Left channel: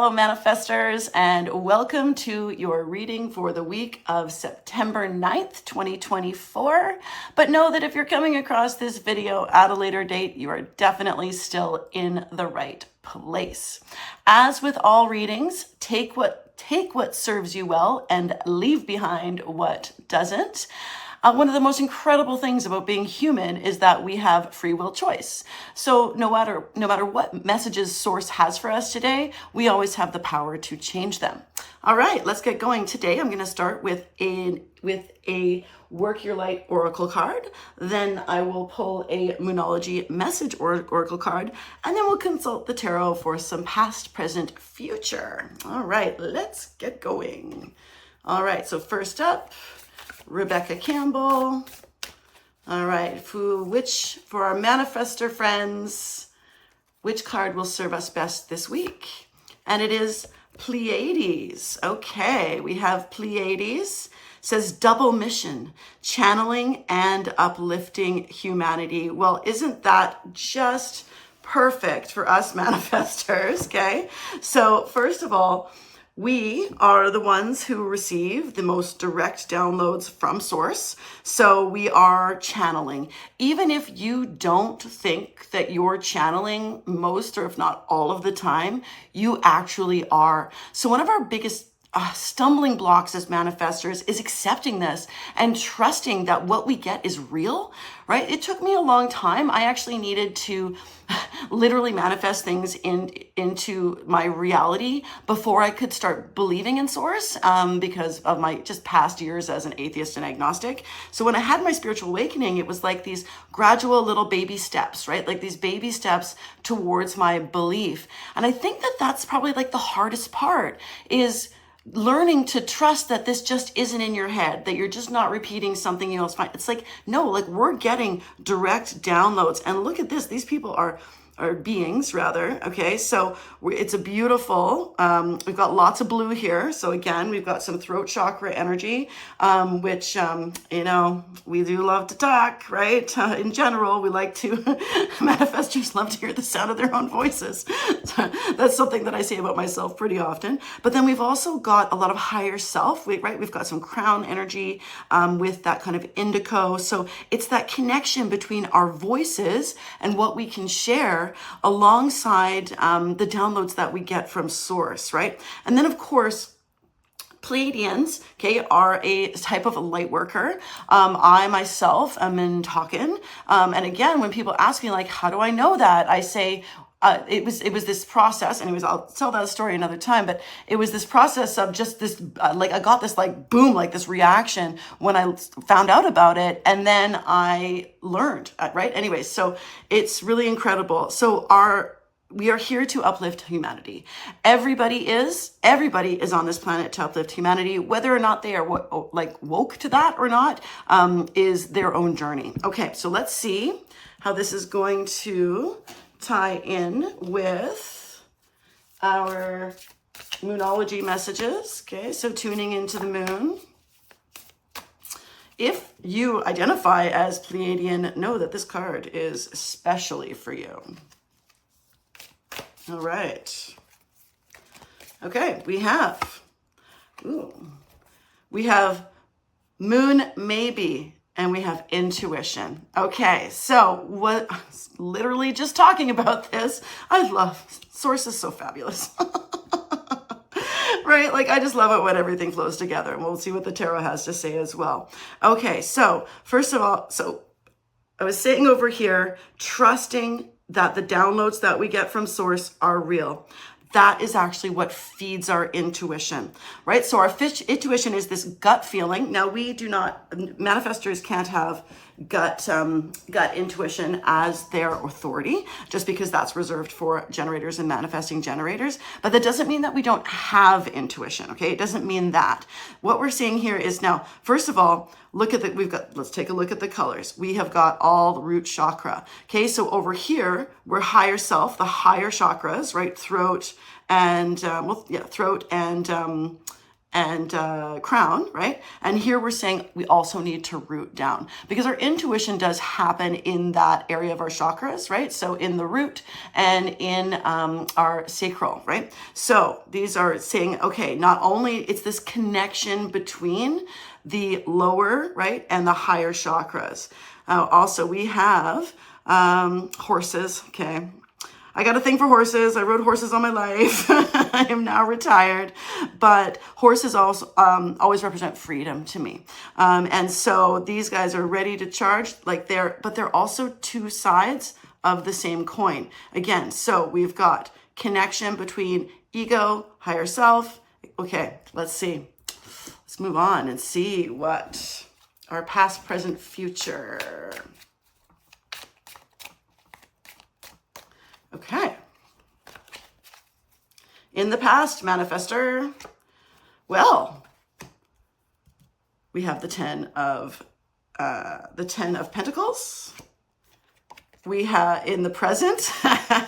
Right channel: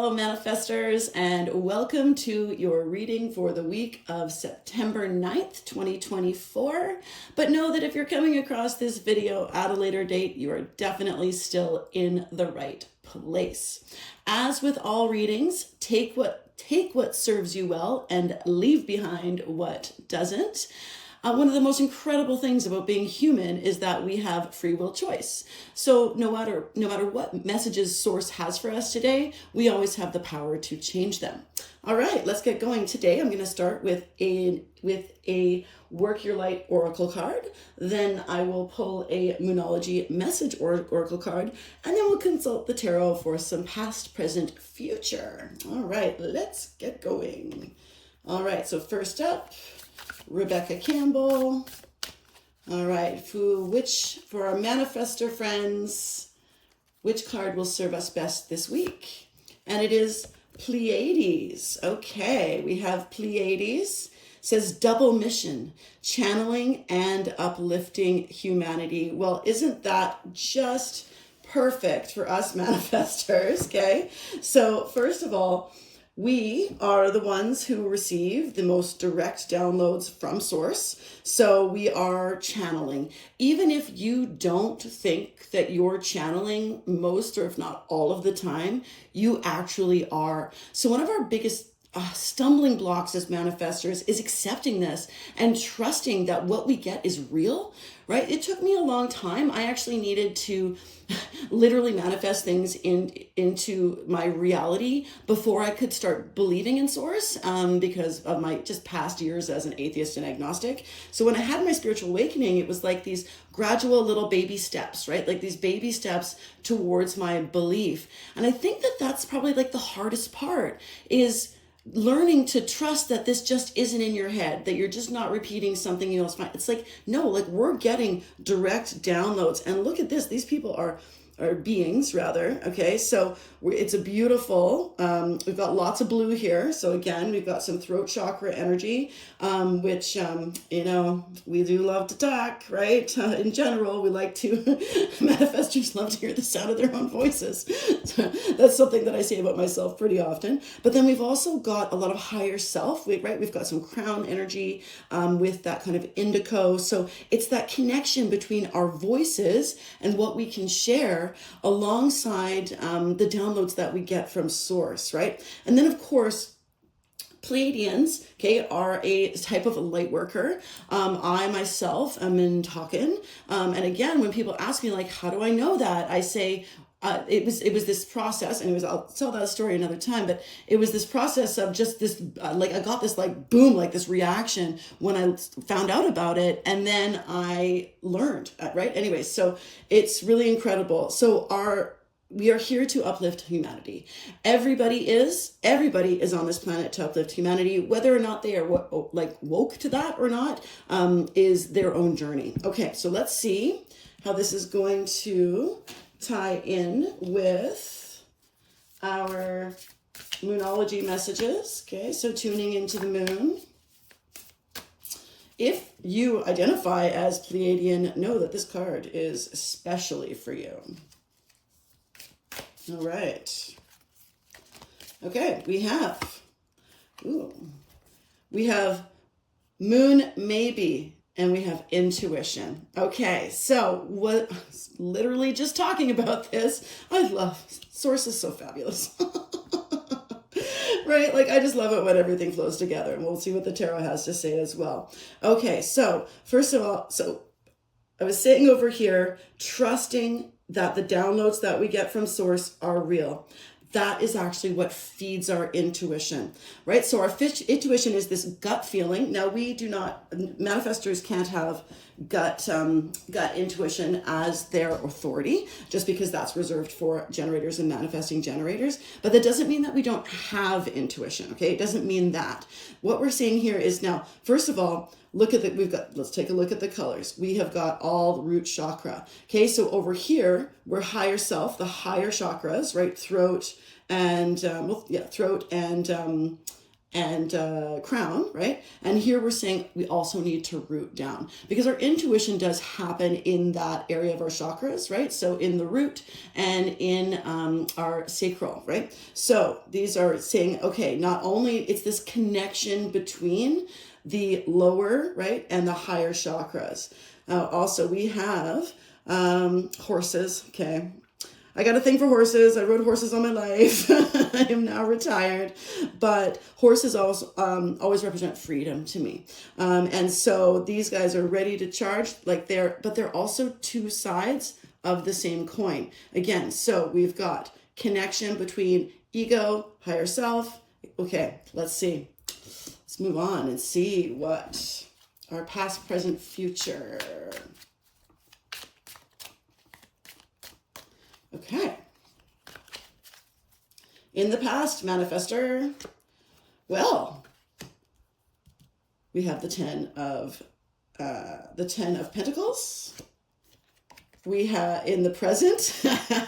fellow manifestors, and welcome to your reading for the week of September 9th, 2024. But know that if you're coming across this video at a later date, you are definitely still in the right place. As with all readings, take what serves you well and leave behind what doesn't. One of the most incredible things about being human is that we have free will choice. So no matter what messages Source has for us today, we always have the power to change them. All right, let's get going. Today I'm going to start with a Work Your Light Oracle card. Then I will pull a Moonology Message Oracle card, and then we'll consult the tarot for some past, present, future. All right, let's get going. All right, so first up, Rebecca Campbell. All right, for our manifestor friends, which card will serve us best this week? And it is Pleiades. Okay, we have Pleiades. It says double mission, channeling and uplifting humanity. Well, isn't that just perfect for us manifestors? Okay, so first of all, we are the ones who receive the most direct downloads from Source. So we are channeling. Even if you don't think that you're channeling most or if not all of the time, you actually are. So one of our biggest stumbling blocks as manifestors is accepting this and trusting that what we get is real, right? It took me a long time. I actually needed to literally manifest things into my reality before I could start believing in Source, because of my just past years as an atheist and agnostic. So when I had my spiritual awakening, it was like these gradual little baby steps, right? Like these baby steps towards my belief. And I think that that's probably like the hardest part, is learning to trust that this just isn't in your head, that you're just not repeating something you know is fine. It's like, no, like we're getting direct downloads. And look at this, these people are beings rather. Okay, so it's a beautiful, we've got lots of blue here. So again, we've got some throat chakra energy, which, you know, we do love to talk, right? In general, we like to, manifestors love to hear the sound of their own voices. That's something that I say about myself pretty often. But then we've also got a lot of higher self, right? We've got some crown energy with that kind of indigo. So it's that connection between our voices and what we can share alongside the downloads that we get from Source, right? And then of course, Pleiadians, okay, are a type of a light worker. I myself am in Talkin. And again, when people ask me like, how do I know that? I say, it was this process, anyways, I'll tell that story another time, but it was this process of just this, like I got this like boom, like this reaction when I found out about it. And then I learned, right? Anyways, so it's really incredible. So we are here to uplift humanity. Everybody is on this planet to uplift humanity. Whether or not they are woke to that or not, is their own journey. Okay, so let's see how this is going to tie in with our Moonology messages. Okay, so tuning into the moon. If you identify as Pleiadian, know that this card is especially for you. All right. Okay, we have Moon Maybe, and we have Intuition. Okay, so what, literally just talking about this, I love, Source is so fabulous. Right? Like, I just love it when everything flows together, and we'll see what the tarot has to say as well. Okay, so first of all, so I was saying over here, trusting that the downloads that we get from Source are real. That is actually what feeds our intuition, right? So our intuition is this gut feeling. Now we do not, manifestors can't have gut intuition as their authority, just because that's reserved for generators and manifesting generators. But that doesn't mean that we don't have intuition, okay? It doesn't mean that. What we're seeing here is now, first of all, let's take a look at the colors. We have got all the root chakra. Okay, so over here, we're higher self, the higher chakras, right? Throat and, and crown, right? And here we're saying we also need to root down, because our intuition does happen in that area of our chakras, right? So in the root and in our sacral, right? So these are saying, okay, not only it's this connection between the lower, right, and the higher chakras. Also, we have horses, okay? I got a thing for horses. I rode horses all my life. I am now retired, but horses also always represent freedom to me. And so these guys are ready to charge, but they're also two sides of the same coin. Again, so we've got connection between ego, higher self. Okay, let's see. Let's move on and see what our past, present, future. Okay. In the past, manifestor, well, we have the 10 of Pentacles. We have in the present,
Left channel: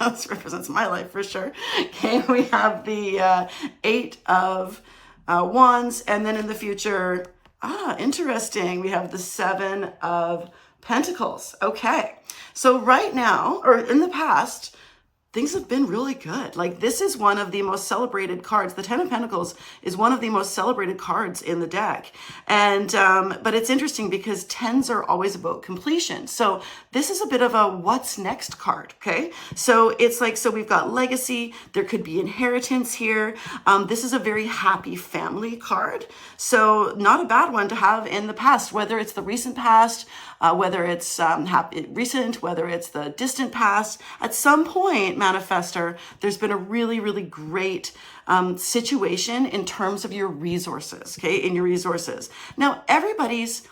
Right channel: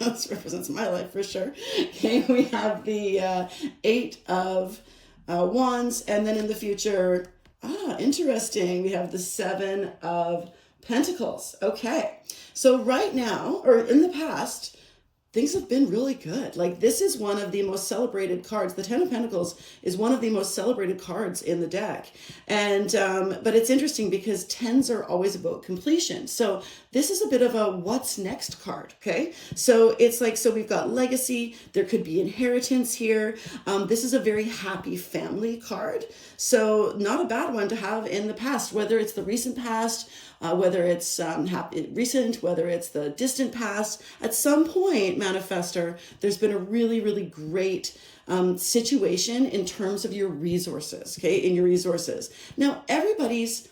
this represents my life for sure. Okay, we have the 8 of Wands, and then in the future, interesting, we have the 7 of Pentacles. Okay, so right now, or in the past, things have been really good. Like, this is one of the most celebrated cards. The 10 of Pentacles is one of the most celebrated cards in the deck. And, but it's interesting because 10s are always about completion. So this is a bit of a what's next card, okay? So it's like, so we've got legacy. There could be inheritance here. This is a very happy family card. So not a bad one to have in the past, whether it's the recent past, whether it's recent, whether it's the distant past. At some point, manifestor, there's been a really, really great situation in terms of your resources, okay, in your resources. Now, everybody's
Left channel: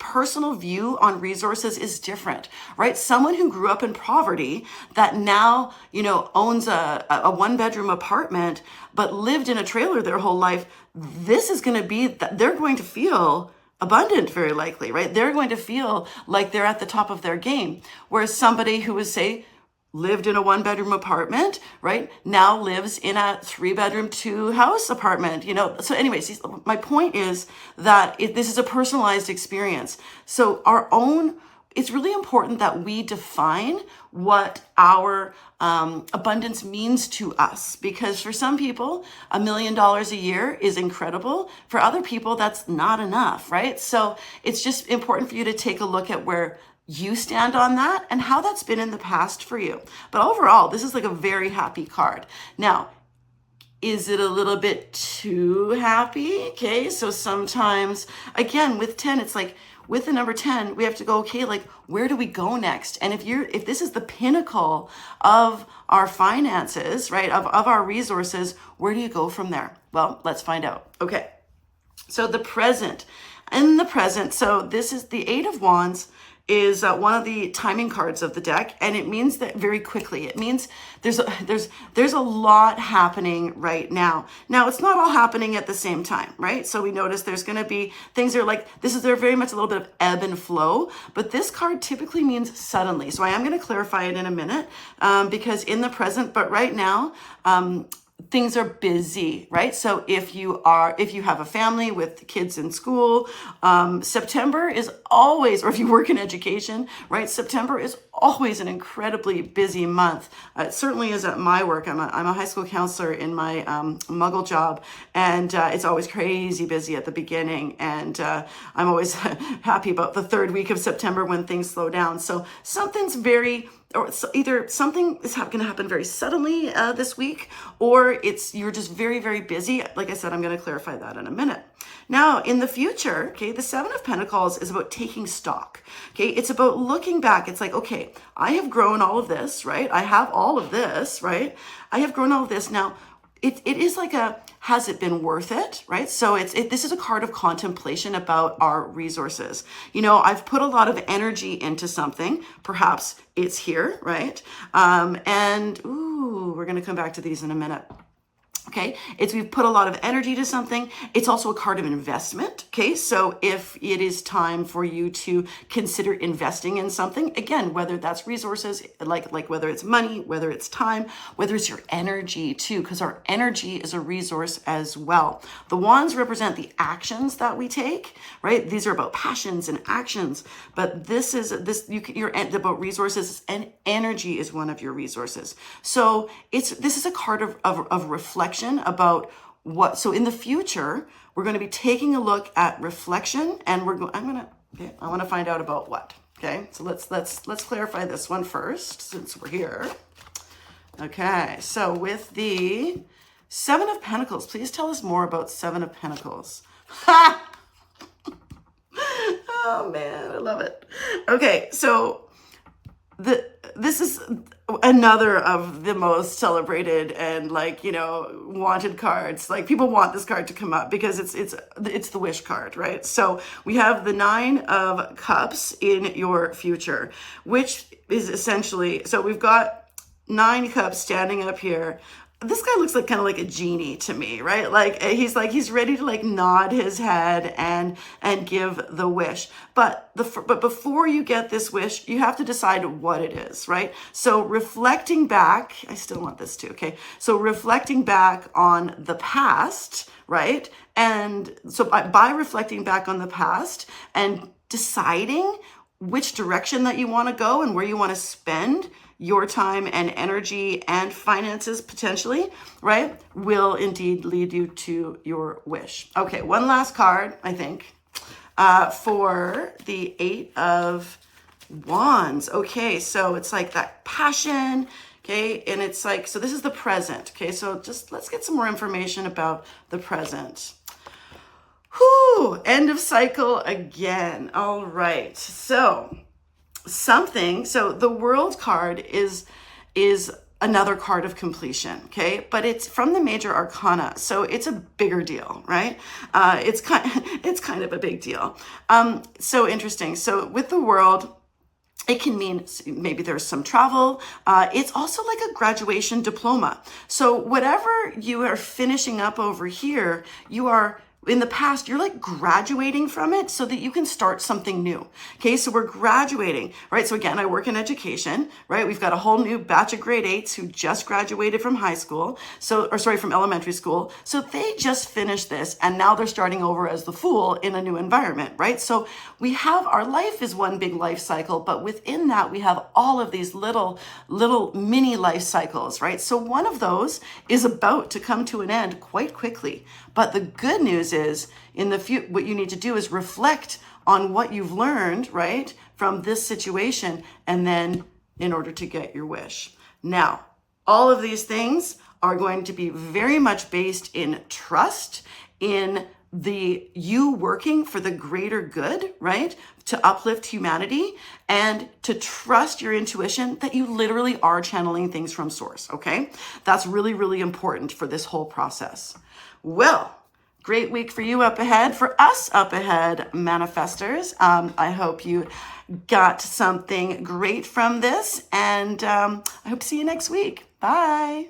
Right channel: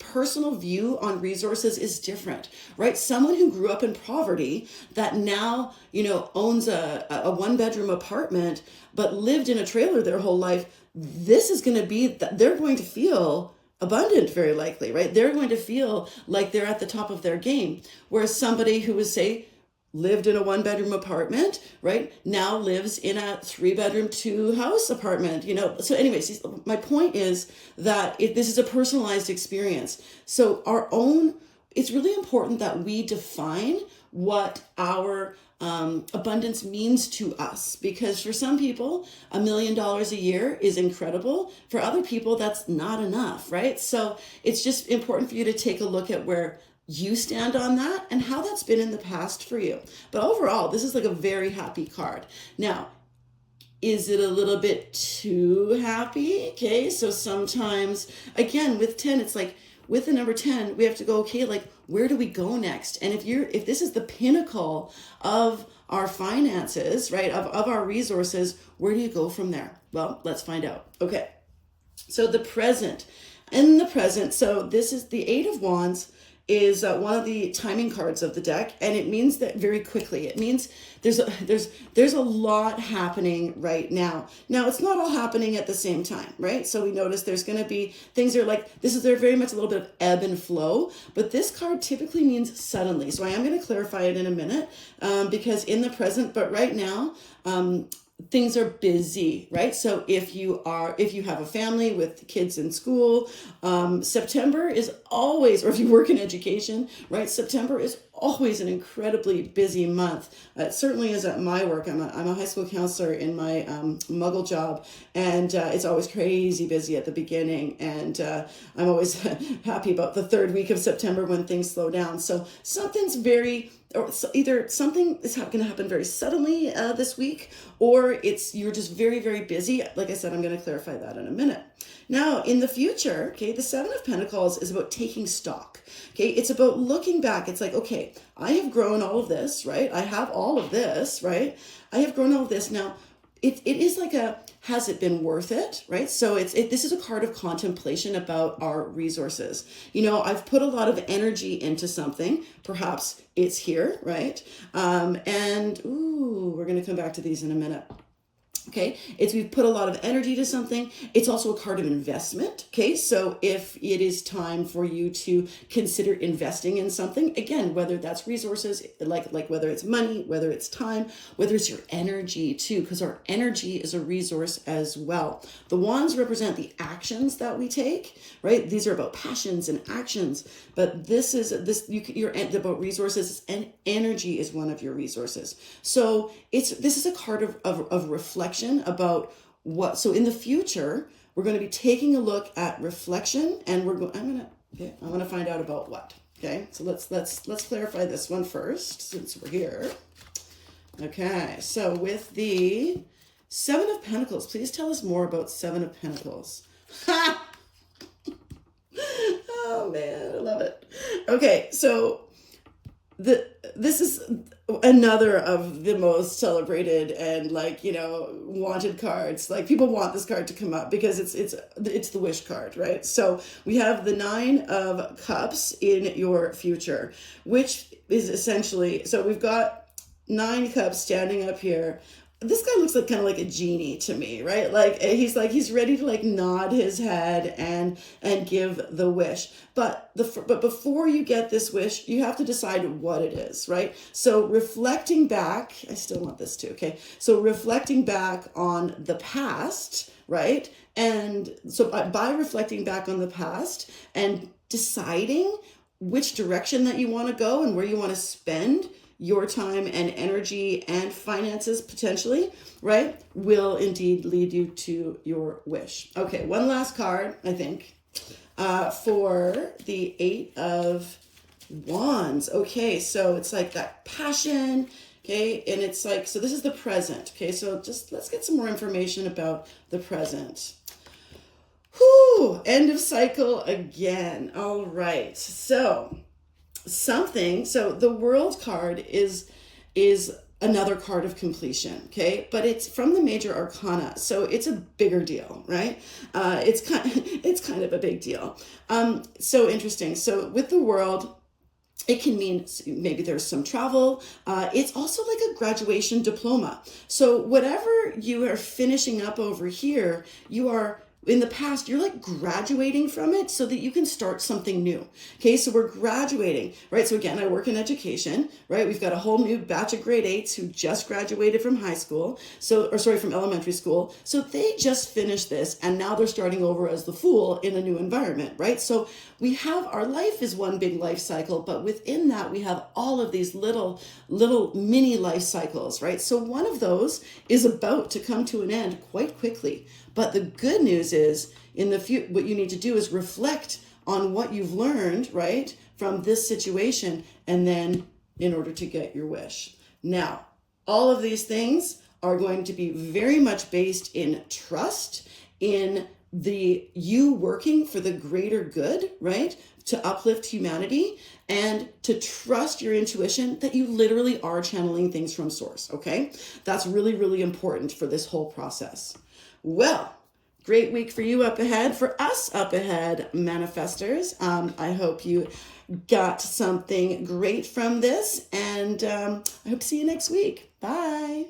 personal view on resources is different, right? Someone who grew up in poverty that now, owns a 1-bedroom apartment, but lived in a trailer their whole life, this is going to be, they're going to feel abundant, very likely, right? They're going to feel like they're at the top of their game. Whereas somebody who was, say, lived in a 1-bedroom apartment, right, now lives in a 3-bedroom, 2-house apartment, So anyways, my point is that this is a personalized experience. So it's really important that we define what our abundance means to us, because for some people, $1 million a year is incredible. For other people, that's not enough, right? So it's just important for you to take a look at where you stand on that and how that's been in the past for you. But overall, this is like a very happy card. Now, is it a little bit too happy? Okay, so sometimes, again, with 10, it's like, with the number 10, we have to go, okay, like, where do we go next? And if this is the pinnacle of our finances, right, of our resources, where do you go from there? Well, let's find out. Okay, so the present. In the present, so this is the 8 of Wands, is one of the timing cards of the deck, and it means that very quickly. It means there's a lot happening right now. Now, it's not all happening at the same time, right? So we notice there's going to be things that are like, they're very much a little bit of ebb and flow, but this card typically means suddenly. So I am going to clarify it in a minute, because in the present, but right now, things are busy, right? So if you have a family with kids in school, September is always, or if you work in education, right? September is always an incredibly busy month. It certainly is at my work. I'm a high school counselor in my muggle job, and it's always crazy busy at the beginning. And I'm always happy about the 3rd week of September when things slow down. So either something is going to happen very suddenly this week, or you're just very, very busy. Like I said, I'm going to clarify that in a minute. Now, in the future, okay, the 7 of Pentacles is about taking stock. Okay, it's about looking back. It's like, okay, I have grown all of this, right? I have all of this, right? I have grown all of this. Now, it is like has it been worth it, right? So this is a card of contemplation about our resources. I've put a lot of energy into something. Perhaps it's here, right? We're going to come back to these in a minute. Okay, we've put a lot of energy to something. It's also a card of investment. Okay, so if it is time for you to consider investing in something, again, whether that's resources, like whether it's money, whether it's time, whether it's your energy too, because our energy is a resource as well. The wands represent the actions that we take, right? These are about passions and actions, but you're about resources, and energy is one of your resources. So this is a card of reflection about what. So in the future, we're going to be taking a look at reflection, and I want to find out about what. Okay, so let's clarify this one first, since we're here. Okay, so with the Seven of Pentacles, please tell us more about Seven of Pentacles. Ha! Oh man, I love it. Okay, so this is another of the most celebrated and wanted cards. Like, people want this card to come up because it's the wish card, right? So we have the Nine of Cups in your future, which is essentially, so we've got 9 cups standing up here. This guy looks kind of like a genie to me, right? He's ready to nod his head and give the wish. But before you get this wish, you have to decide what it is, right? So reflecting back, I still want this too, okay? So reflecting back on the past, right? And so by reflecting back on the past and deciding which direction that you want to go and where you want to spend your time and energy and finances potentially, right, will indeed lead you to your wish. Okay, one last card, I think, for the 8 of Wands. Okay, so it's like that passion, okay, and it's so this is the present. Okay, so just let's get some more information about the present. Whew, end of cycle again. All right, so the World card is another card of completion, okay? But it's from the major arcana, so it's a bigger deal, right? It's kind of a big deal. So interesting. So with the World, it can mean maybe there's some travel. It's also like a graduation diploma. So whatever you are finishing up over here, you are, in the past, you're graduating from it so that you can start something new. Okay, so we're graduating, right? So again, I work in education, right? We've got a whole new batch of grade 8s who just graduated from from elementary school. So they just finished this, and now they're starting over as the Fool in a new environment, right? So our life is one big life cycle, but within that, we have all of these little mini life cycles, right? So one of those is about to come to an end quite quickly. But the good news is, what you need to do is reflect on what you've learned, right, from this situation, and then in order to get your wish. Now, all of these things are going to be very much based in trust, in you working for the greater good, right, to uplift humanity, and to trust your intuition that you literally are channeling things from source, okay? That's really, really important for this whole process. Well, great week for you up ahead, for us up ahead, manifestors. I hope you got something great from this, and I hope to see you next week. Bye.